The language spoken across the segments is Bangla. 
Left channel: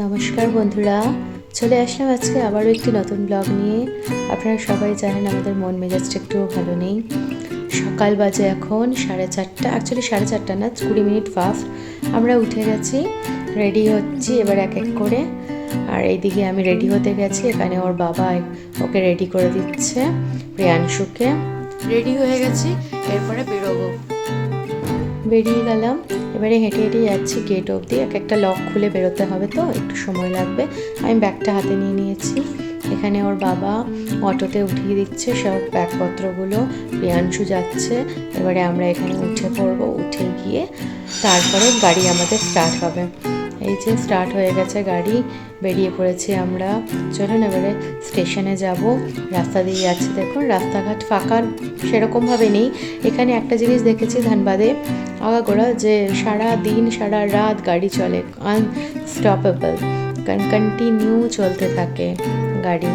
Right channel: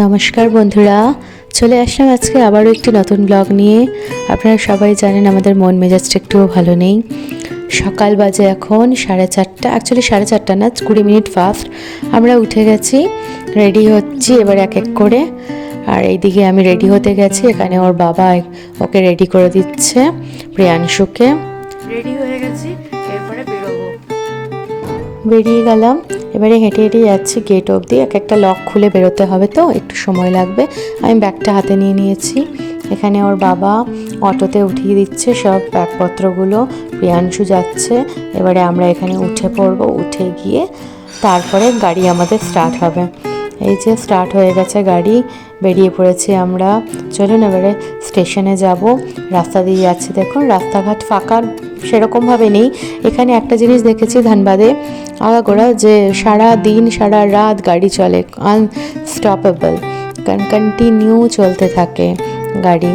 নমস্কার বন্ধুরা, চলে আসলাম আজকে আবারও একটি নতুন ব্লগ নিয়ে। আপনারা সবাই জানেন আমাদের মন মেজাজটা একটুও ভালো নেই। সকাল বাজে এখন 4:30, অ্যাকচুয়ালি 4:30 না, 20 মিনিট ফাস্ট। আমরা উঠে গেছি, রেডি হচ্ছি এবার এক এক করে। আর এইদিকে আমি রেডি হতে গেছি, এখানে ওর বাবা ওকে রেডি করে দিচ্ছে, প্রিয়াংশুকে। রেডি হয়ে গেছি, এরপরে বেরোবো। বেরিয়ে গেলাম, এবারে হেঁটে হেঁটে যাচ্ছি গেট অবধি। এক একটা লক খুলে বেরোতে হবে, তো একটু সময় লাগবে। আমি ব্যাগটা হাতে নিয়ে নিয়েছি। এখানে ওর বাবা অটোতে উঠিয়ে দিচ্ছে সব ব্যাগপত্রগুলো। প্রিয়াংশু যাচ্ছে, এবারে আমরা এখানে উঠে পড়বো। উঠে গিয়ে তারপরে গাড়ি আমাদের স্টার্ট হবে। এই যে স্টার্ট হয়ে গেছে গাড়ি, বেরিয়ে পড়েছি আমরা। চলুন এবারে স্টেশনে যাব। রাস্তা দিয়ে যাচ্ছি, দেখুন রাস্তাঘাট ফাঁকা সেরকমভাবে নেই। এখানে একটা জিনিস দেখেছি ধানবাদে আগাগোড়া, যে সারা দিন সারা রাত গাড়ি চলে, আনস্টপেবল, কন্টিনিউ চলতে থাকে গাড়ি।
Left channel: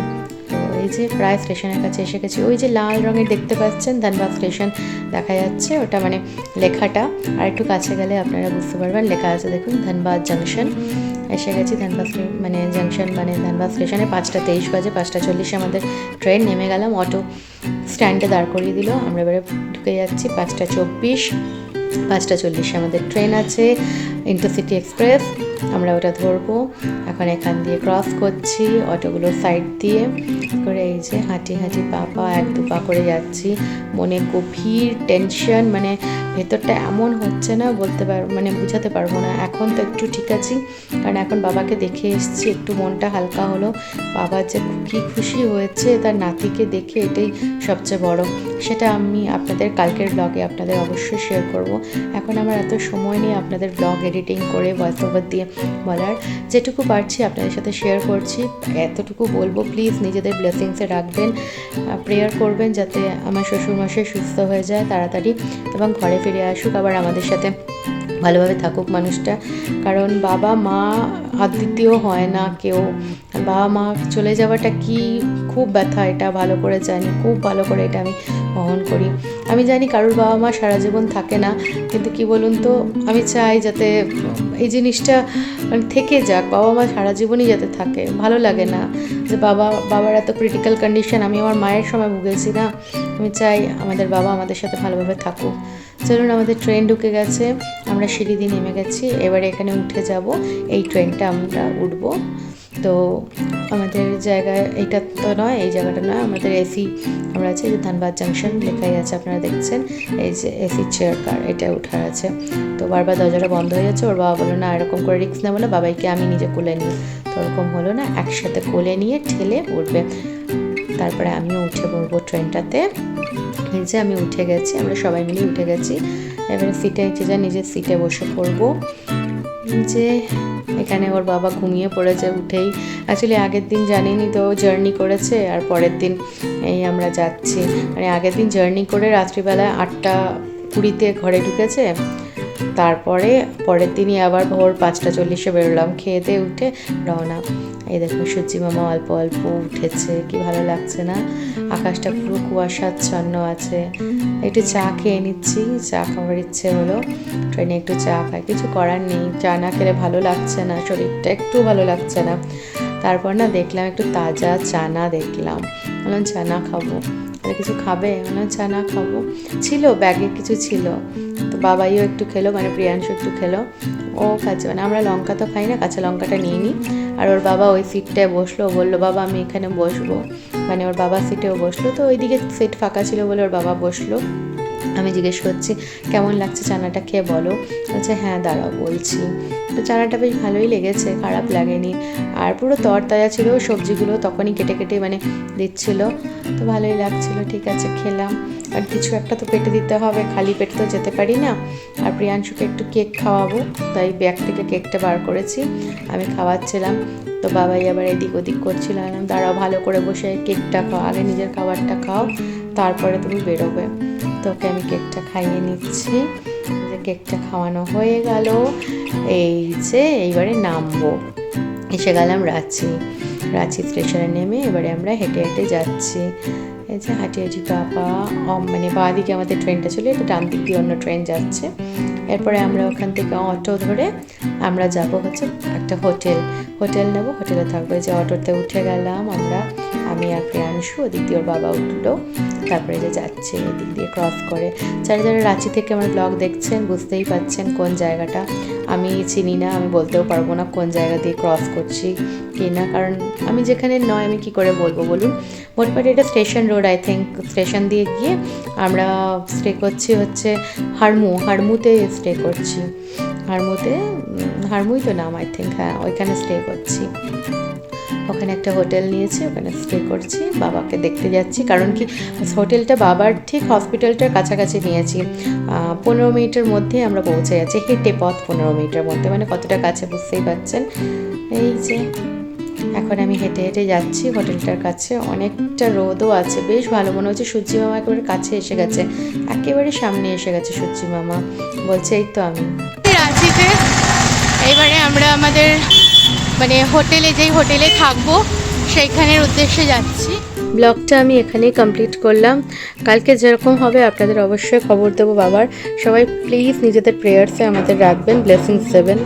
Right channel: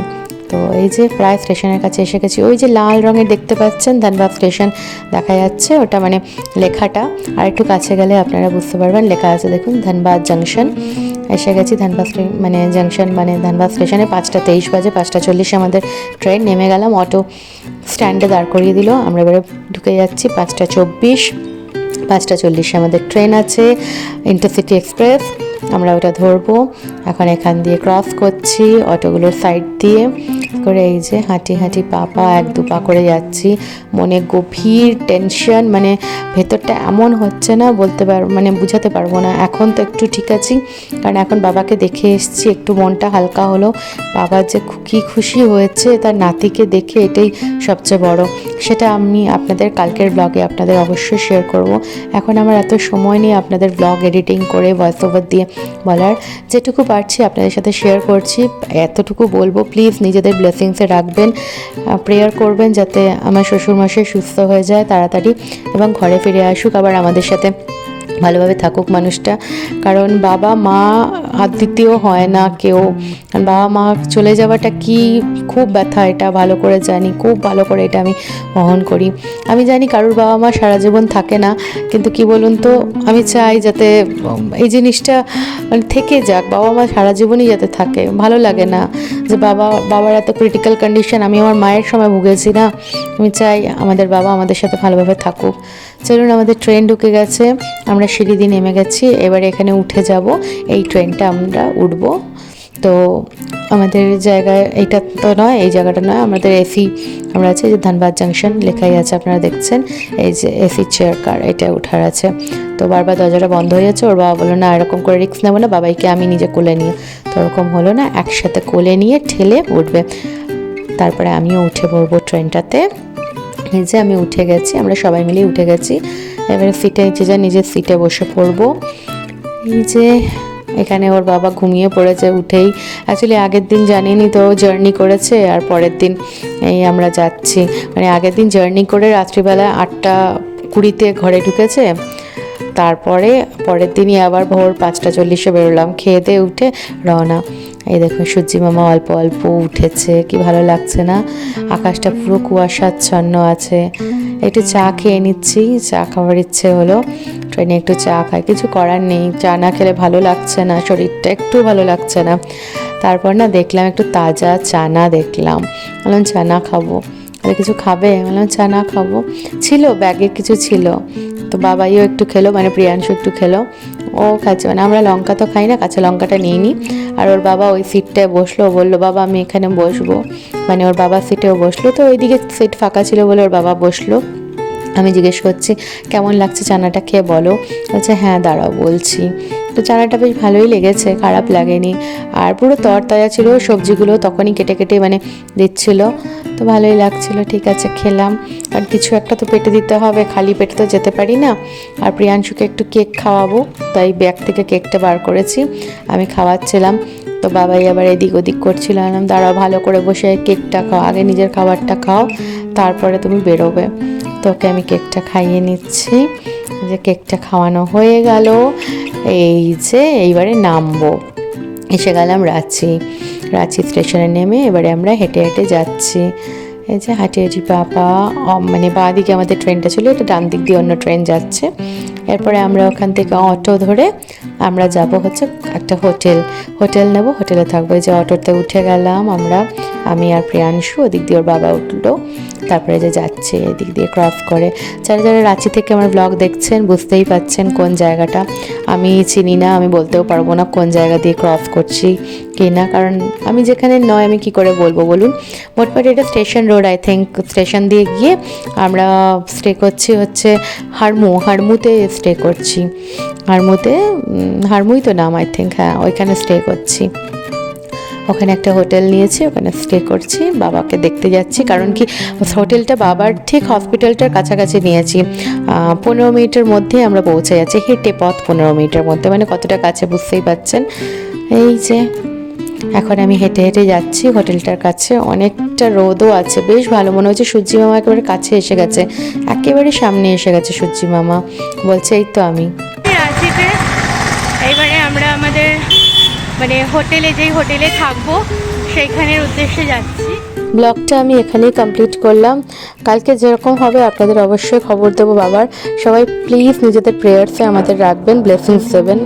তো এই যে প্রায় স্টেশনের কাছে এসে গেছি। ওই যে লাল রঙের দেখতে পাচ্ছেন ধানবাদ স্টেশন দেখা যাচ্ছে, ওটা মানে লেখাটা। আর একটু কাছে গেলে আপনারা বুঝতে পারবেন, লেখা আছে দেখুন ধানবাদ জাংশন। এসে গেছি ধানবাদ মানে জাংশন, মানে ধানবাদ স্টেশনে। 5:23 বাজে, 5:40 আমাদের ট্রেন। নেমে গেলাম, অটো স্ট্যান্ডে দাঁড় করিয়ে দিল। আমরা এবারে ঢুকে যাচ্ছি 5:24। 5:40 আমাদের ট্রেন আছে, ইন্টারসিটি এক্সপ্রেস। আমরা ওটা ধরবো। এখন এখান দিয়ে ক্রস করছি অটোগুলোর সাইড দিয়ে করে। এই যে হাঁটি হাঁটি পা এক দু পা করে যাচ্ছি। মনে গভীর টেনশন, মানে ভেতরটা এমন হচ্ছে না বলতে পারবো, মানে বুঝাতে পারবো না। এখন তো একটু ঠিক আছি, কারণ এখন বাবাকে দেখে এসেছি, একটু মনটা হালকা হলো। বাবা যে কি খুশি হয়েছে তার নাতিকে দেখে, এটাই সবচেয়ে বড়। সেটা আমি আপনাদের কালকের ব্লগে আপনাদের অবশ্যই শেয়ার করব। এখন আমার এত সময় নেই আপনাদের ব্লগ এডিটিং করে ভয়েস ওভার দিয়ে বলার। যেটুকু পারছি আপনাদের সাথে শেয়ার করছি, এতটুকু বলবো প্লিজ নিজেদের ব্লেসিংসে রাখবেন, প্রেয়ার করবেন যাতে আমার শ্বশুরমশাই সুস্থ হয়ে যায় তাড়াতাড়ি এবং ঘরে ফিরে আসুক, আবার আমাদের সাথে ভালোভাবে থাকুক মানুষটা। কারণ বাবা মা আর দ্বিতীয় হয় না কেউ। বাবা মা চলে যাওয়াটা কি খুব ব্যথা, এটা ভালো করে জানি, খুব ভালো করে এটা আমি বহন করি। আমি জানি কারোর বাবা মা সারা জীবন থাকে না, কিন্তু কি বলুন তো, আমি চাই যাতে এই জিনিসটা মানে থেকে যাক, বাবা মা সারা জীবনই যাতে থাকে। ভালো লাগে না যে বাবার এত ক্রিটিক্যাল কন্ডিশন, আমি আমার মায়ের সময় ভুগেছি না। আমি চাই আমাদের বাবা আমাদের সাথে ভালোভাবে থাকুক। চলুন, আমাদের ট্রেন ঢুকে গেছে, আমরা সিঁড়ি দিয়ে নেমে গেছি। এবারে এখানে উঠে যাব, এই ট্রেনটা আমরা উঠব। তো আমাদের জায়গায় এইটা তো নয়, এই জায়গাটা নয়, আমাদের এসি আমরা আছে, যে ধানবাদ জাংশন লেখাই আছে আপনারা দেখছেন। এই যে এসি চেয়ার কার, এটা উঠার আছে। তো বারবার দরজাটা বন্ধ হয়ে যাচ্ছে। ওর বাবা বললো না এরকম করে রিস্ক নেবো না, বাবাইকে আমি নিজে কোলে নিয়ে। তো ওরকম হলো না, একসাথে কোলে নিয়ে ঠেলে উঠবে। তারপরে আমিও উঠে পড়বো ট্রেনটাতে। এই যে আমি উঠে গেছি, আমরা সবাই মিলে উঠে গেছি। এবারে সিটে যে যা নিজের সিটে বসে পড়বো। এই যে এখানে ওর বাবা ঘুমিয়ে পড়েছে উঠেই। অ্যাকচুয়ালি আগের দিন জানিনি তো জার্নি করেছে, আর পরের দিন এই আমরা যাচ্ছি। মানে আগের দিন জার্নি করে রাত্রিবেলা 8:20-তে ঘরে ঢুকেছে। তারপরে পরের দিনই আবার ভোর 5:40-এ বেরোলাম, খেয়ে দিয়ে উঠে রওনা। এই দেখুন সূর্যি মামা অল্প অল্প উঠেছে, কি ভালো লাগছে না? আকাশটা পুরো কুয়াশাচ্ছন্ন আছে। একটু চা খেয়ে নিচ্ছি, চা খাওয়ার ইচ্ছে হলো। ট্রেনে একটু চা খাই, কিছু করার নেই, চা না খেলে ভালো লাগছে না, শরীরটা একটু ভালো লাগছে না। তারপর না দেখলাম একটু তাজা চানা, দেখলাম, বললাম চানা খাবো। আর কিছু খাবে? বললাম চানা খাবো। ছিল ব্যাগে কিছু ছিল, তো বাবাইও একটু খেলো, মানে প্রিয়াংশু একটু খেলো, ও খাচ্ছে। মানে আমরা লঙ্কা তো খাই না, কাঁচা লঙ্কাটা নিয়ে নিই। আর ওর বাবা ওই সিটটায় বসলো, বললো বাবা আমি এখানে বসবো, মানে ওর বাবার সিটেও বসলো। তো ওইদিকে সিট ফাঁকা ছিল বলে ওর বাবা বসলো। আমি জিজ্ঞেস করছি কেমন লাগছে চানাটা, খেয়ে বলো। বলছে হ্যাঁ দাঁড়াও বলছি। তো চানাটা বেশ ভালোই লেগেছে, খারাপ লাগেনি। আর পুরো তরতাজা ছিল, সবজিগুলো তখনই কেটে কেটে মানে দিচ্ছিল, তো ভালোই লাগছিল। ঠিক আছে খেলাম, আর কিছু একটা তো পেটে দিতে হবে, খালি পেটে তো যেতে পারি না। আর প্রিয়াংশুকে একটু কেক খাওয়াবো, তাই ব্যাগ থেকে কেকটা বার করেছি, আমি খাওয়াচ্ছিলাম। তো বাবাই আবার এদিক ওদিক করছিল, আমি দাঁড়াও ভালো করে বসে কেকটা খাও, আগে নিজের খাবারটা খাও, তারপরে তুমি বেরোবে। তোকে আমি কেকটা খাইয়ে নিচ্ছি। যে কেকটা খাওয়ানো হয়ে গেল, এই যে এইবারে নামবো। এসে গেলাম রাঁচি স্টেশনে নেমে এবারে আমরা হেঁটে হেঁটে যাচ্ছি। এই যে হাঁটি হাঁটি বাবা, মানে বাঁ দিকে আমাদের ট্রেনটা ছিল, এটা ডান দিক দিয়ে অন্য ট্রেন যাচ্ছে। এরপরে আমরা ওখান থেকে অটো ধরে আমরা যাব হচ্ছে একটা হোটেল নেব, হোটেলে থাকবো। এই যে অটোতে উঠে গেলাম আমরা, আমি আর প্রিয়াংশু, ওদিক দিয়ে ওর বাবা উঠলো। তারপরে যে যাচ্ছে এদিক দিয়ে ক্রস করে। যারা যারা রাঁচি থেকে আমার ব্লগ দেখছেন বুঝতেই পাচ্ছেন কোন জায়গাটা। আমি চিনি না, আমি বলতেও পারবো না কোন জায়গা দিয়ে ক্রস করছি কি না, কারণ আমি যেখানে নয় আমি কি করে বলবো বলুন। মোটমাট এটা station road, I think. Station দিয়ে গিয়ে আমরা স্টে করছি হচ্ছে হারমুতে স্টে করছি। হারমুই তো নাম, আই থিঙ্ক। হ্যাঁ, ওইখানে স্টে করছি। ওখানে একটা হোটেল নিয়েছি, ওখানে স্টে করছি, বাবাকে দেখতে যাচ্ছি। কারণ কি, হোটেলটা বাবার ঠিক হসপিটালটার কাছাকাছি নিয়েছি। 15 মিনিটের মধ্যে আমরা পৌঁছে যাচ্ছি, হেঁটে পথ 15 মিনিটের মধ্যে, মানে কতটা কাছে বুঝতেই পারছেন। এই যে এখন আমি হেঁটে হেঁটে যাচ্ছি হোটেলটার কাছে। অনেকটা রোদও আছে, বেশ ভালো মনে হচ্ছে। সূর্যি মামা একেবারে কাছে এসে গেছে, একেবারে সামনে এসে গেছে সূর্যি মামা। বলছে এই তো আমি রাঁচিতে। এইবারে আমরা আমাদের মানে যেই হোটেলে থাকবো সেইখানের উদ্দেশ্যে যাচ্ছি। ব্লগটা আমি এখানেই কমপ্লিট করলাম। কালকে যেরকম হবে আপনাদের অবশ্যই খবর দেবো বাবার। সবাই প্লিজ নিজেদের প্রেয়ার্সে আমাদের রাখবেন, ব্লেসিংস দেবেন।